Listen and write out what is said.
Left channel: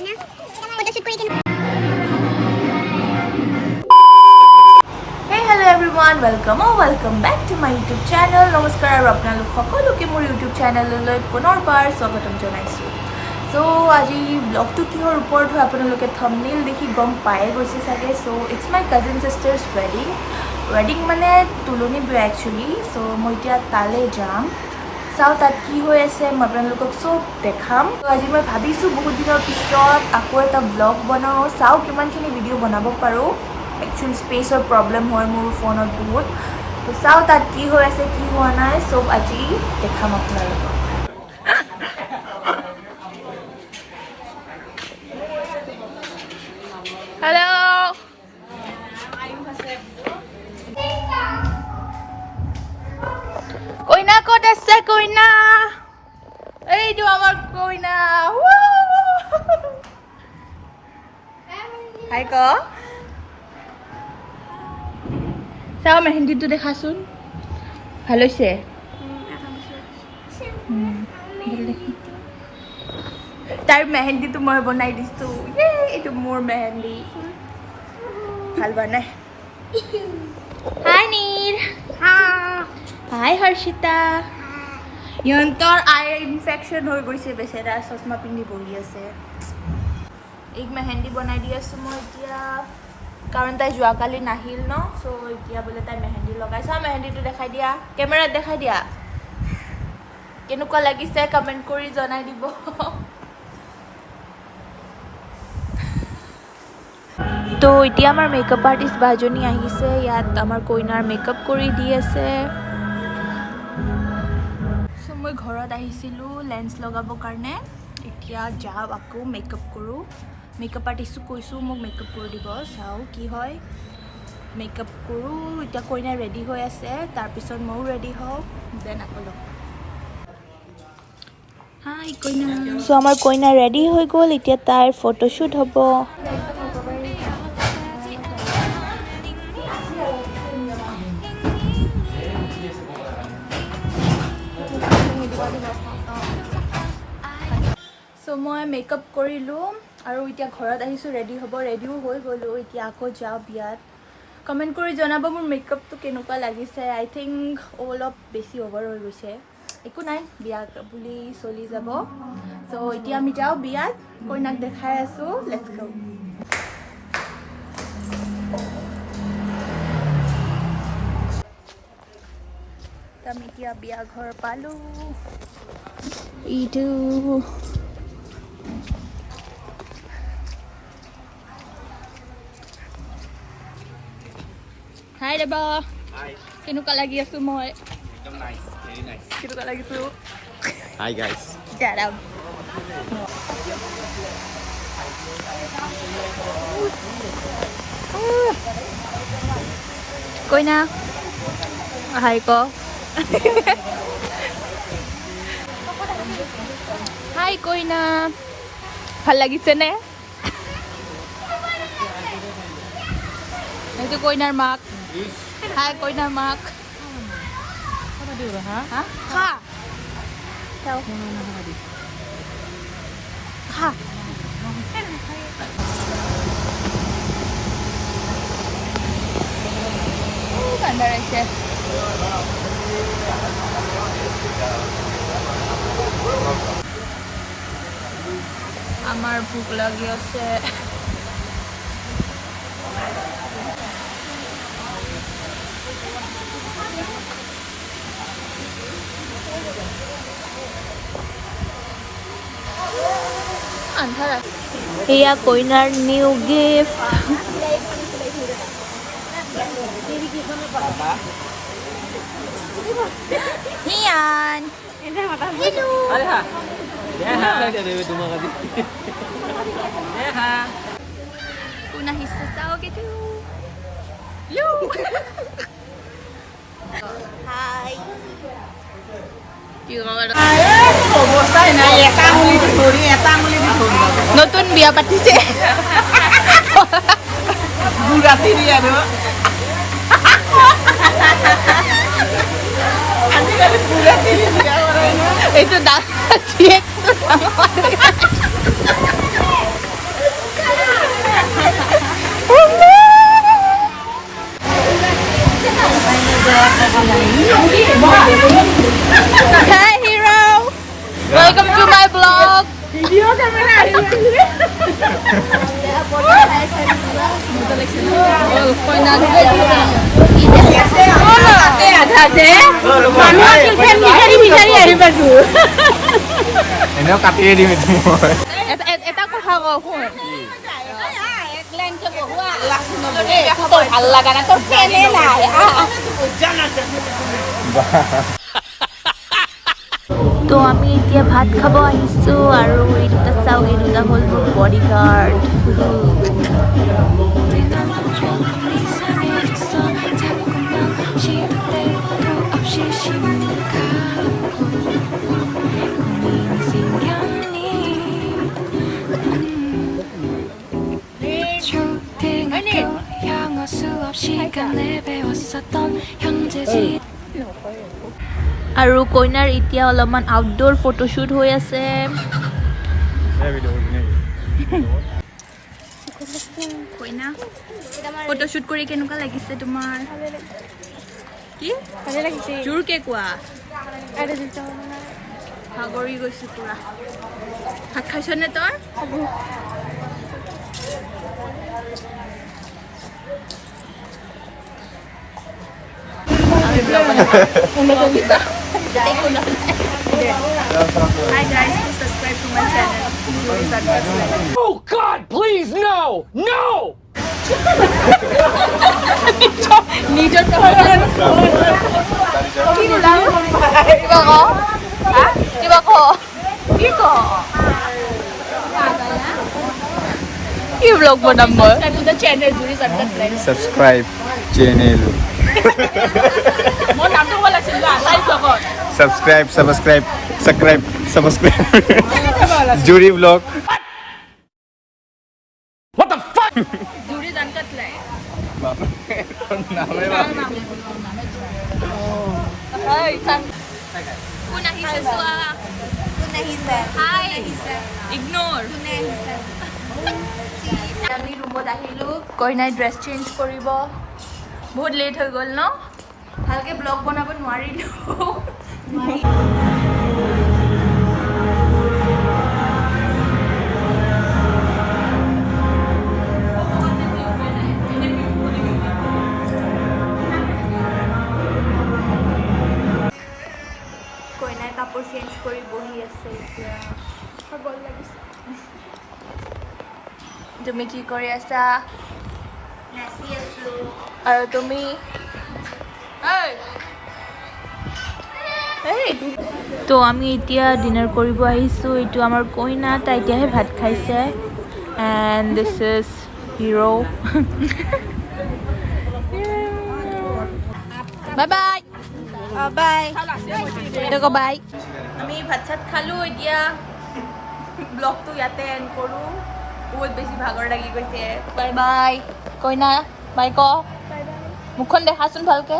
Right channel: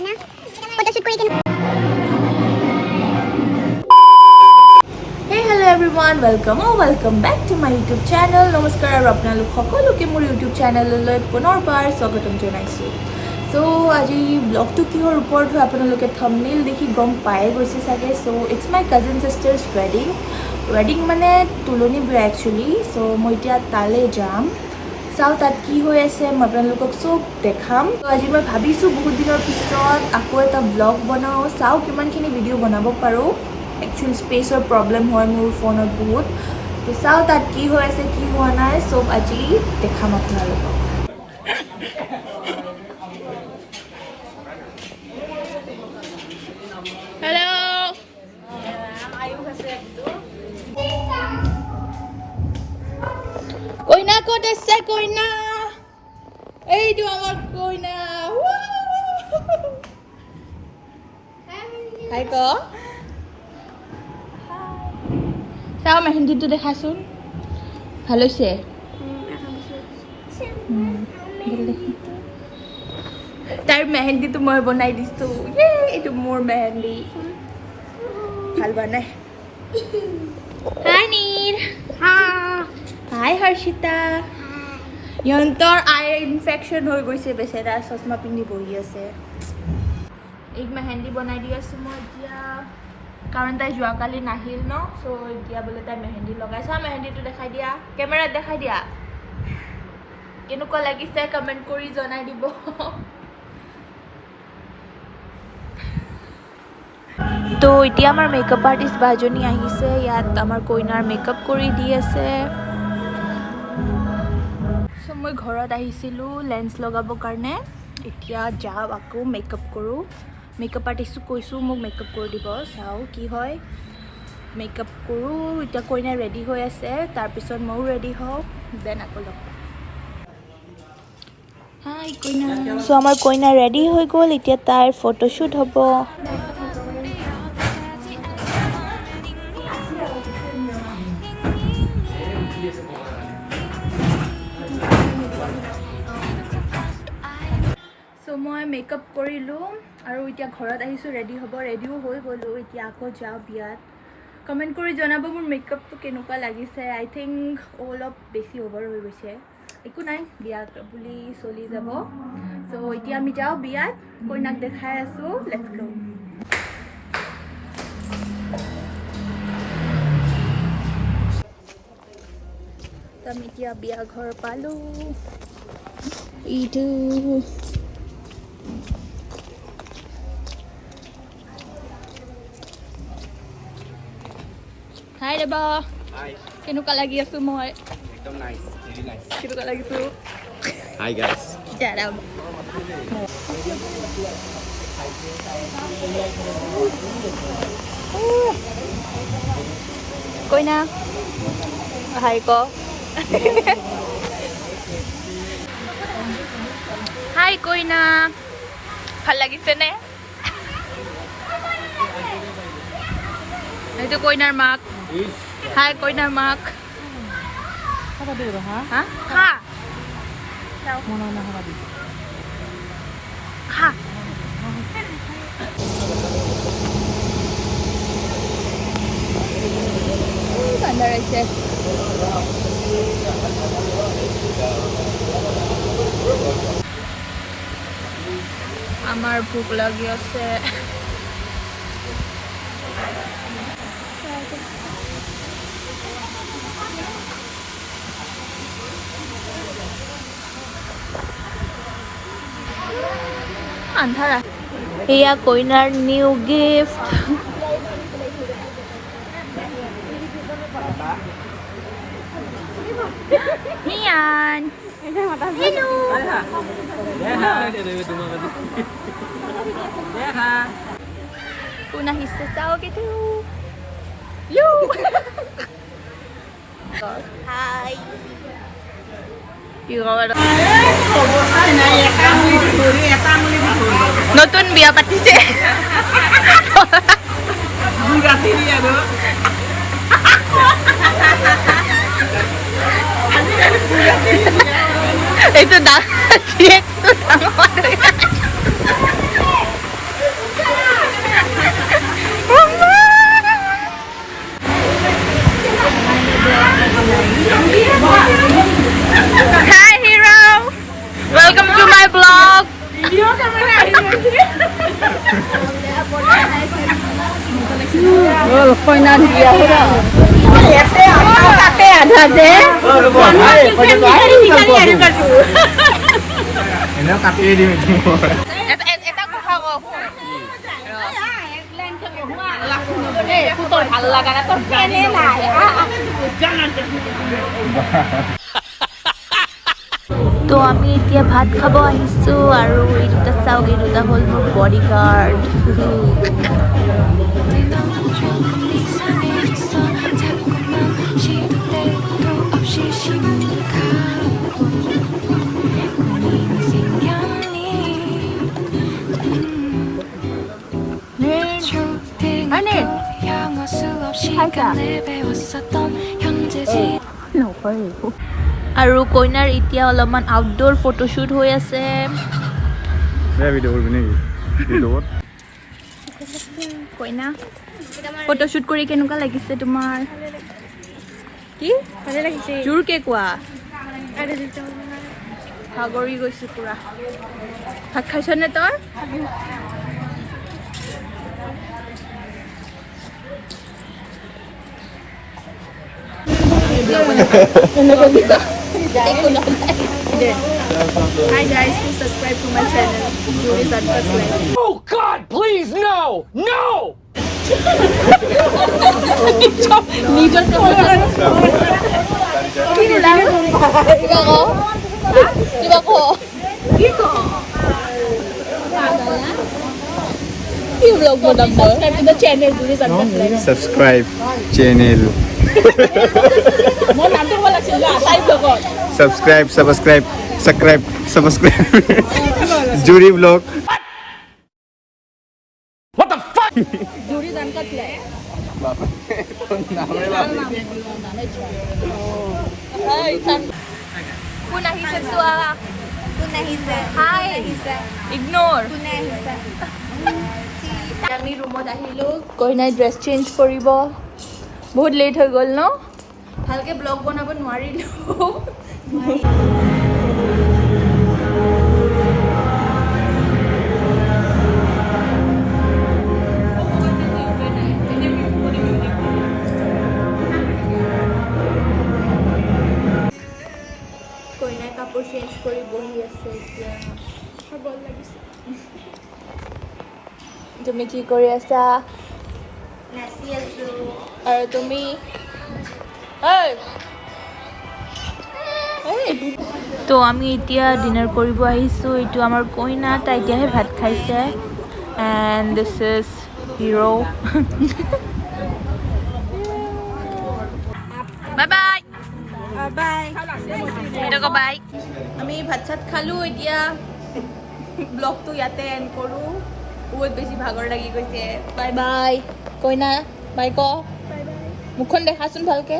Hey hello everyone, welcome back to my YouTube channel. নমস্কাৰ আৰু আপোনালোক সকলোকে মোৰ YouTube চেনেললৈ পুনৰবাৰ স্বাগতম জনাইছো। So আজি ব্লগটো কিহৰ ওপৰত হয় আপোনালোকে থাম্বনেইল দেখি গম পায়ে গৈছে চাগে। So it's my cousin sister's wedding মানে তুলনি বিয়া actually. So মই এতিয়া তালে যাম। চাও তাত কি হৈ আছে মই আপোনালোকক সব দেখাম। তো আজি মই ভাবিছো বহুত দিনৰ পিছত আকৌ এটা ব্লগ বনাও, চাও কিমানখিনি ভিডিও বনাব পাৰো। Actually spaceৰ প্ৰবলেম হয় মোৰ ফোনত বহুত। তো চাও তাত কি হৈ আছে কি হোৱা নাই সব আজি দেখাম আপোনালোকক। Hello. Koina ক'ত আছে koina? এইটো আমাৰ koina. Hi ko. চাও মেহেন্দিটো দেখাচোন। ভাল হৈছে? তাৰ মেহেন্দিটো মই বনাই দিছো। এইটো মোৰ মেহেন্দি। ভাল বনাই। Hi নীৰ। Hi হৰ্ষিতা। ইহঁতৰ আই ইনফেকশন হৈ গৈছে বেচেৰা, চশমা পিন্ধি বহি আছে। এক মেহেন্দি বনাই দি আছো মই এতিয়া, কাৰণ তাই যোৱাকালি নাহিল ন। সো এতিয়া বোলে তাই মেহেন্দি লগাইছে। মেহেন্দিটো দেখাই দিয়া, কেমেৰাত দেখাই দিয়া। কেনেকুৱা লাগিছে কমেন্ট কৰি জনাই দিব। তো এতিয়া আমাৰ মেকআপ আৰ্টিষ্ট বাজনী আহিছে, ইয়াত আমাৰ কইনাৰ মেকআপ কৰি দি আছে। সো মই ঘৰত আহিছিলো লেন্স লগাবৰ কাৰণে, এতিয়া যাও আকৌ মেকআপ কৰো। মেকআপ আৰ্টিষ্টক কৈছো মোক মেকআপ কৰি দিব, চাও কি হয়। মেকআপ কৰো এতিয়া, কইনা ৰেডি হৈ আছে, তাৰপিছত ময়ো ৰেডি হওঁ, দেন আকৌ লগ পাম। হাই কইনা। সো আমাৰ কইনা ৰেডি হৈ গ'ল, এতিয়া তাইৰ ফটোশ্বুট হ'ব। সো মই মেকআপ কৰিলোঁ আৰু এতিয়া ঘৰত আহিছোঁ ৰেডি হ'ব, ৰেডিও হৈ গ'লোঁ। এতিয়া আকৌ যাওঁ বিয়াত। কমেণ্ট কৰি জনাব মোৰ মেকআপটো কেনেকুৱা লাগিছে। আই থিংক অলপ বেছি অভাৰ হৈ গৈছে, একো নাই, বিয়া বুলি চলি যাব। সো এতিয়া আমি যাওঁ বিয়াত, কইনাক দেখাই আছোঁ, লেটছ গো। আমি এতিয়া বিয়া ঘৰ পালোঁ। ইটো হাই ৰেবা। হাই। কেনেকুৱা লাগি আছো মই? একদম নাইস, ভেৰি নাইস। কেনেকুৱা লাগিছো? Hi guys. দাঁড়াও। কইনা হাই ক। হাই কইনা, ভাল লাগিছে নে? এইটো কইনাৰ মাক। হাই কইনাৰ মাক। হা খা খা। ঠাণ্ডা ৰহিছে। আমাৰ ভোক লাগি আছে। এয়া কইনাৰ নিউ গিফ্ট। মিয়ান কোন আহিছে চাও কিন্তু। হাই নতুন বিয়া পাতিছে। এইটো Hi hero, welcome to my vlog. তো আমি এতিয়া ভাত খাব আহিছো আৰু এই দুটা চাওক এই দুটা হ'ল মোৰ বডিগাৰ্ড আৰু কইনাৰ এতিয়া অলপমান আউটডোৰ ফটোশ্বুট হৈ আছে কইনা ফটোশ্বুট কৰি কেনেকুৱা লাগিছে তোমাৰ কি জোৰকে কোৱা ভাগৰি গৈছো পুৰা ভাত খাইছনে তই Hi guys, please subscribe to my channel. Oh God, please, no! No! নিজৰ কিবা ক কি ব্লগ বনাম মই Subscribe channel. Subscribe. Jury vlog. What the fuck? কোন আহিছে চোৱা কোন আহিছে হাই ইগনোৰ আমি ৰুমত আহিলো কইনাই ড্ৰেছ চেঞ্জ কৰিব বহুত লেট হৈ গ'ল ন ভালকে ব্লগ বনাব নোৱাৰিলো কইনাই কাপোৰ চেঞ্জ কৰি বহি আছে এতিয়া ভাগৰ লাগিছে তুমি কি কৰি আছা নাচি আছো আৰু তুমি তো আমি এতিয়া ডিনাৰ কৰিব আহিছোঁ এইটো আমাৰ কইনা তাই এতিয়াহে ভাত খাইছে and this is hero bye bye bye bye আমি ভাত চাত খালোঁ এতিয়া ব্লগটো ইয়াতে এণ্ড কৰোঁ বহুত বেছি ভাগৰ লাগি গৈছে বাই বাই কইনা বাই ক বাই বাই মুখখন দেখাচোন ভালকে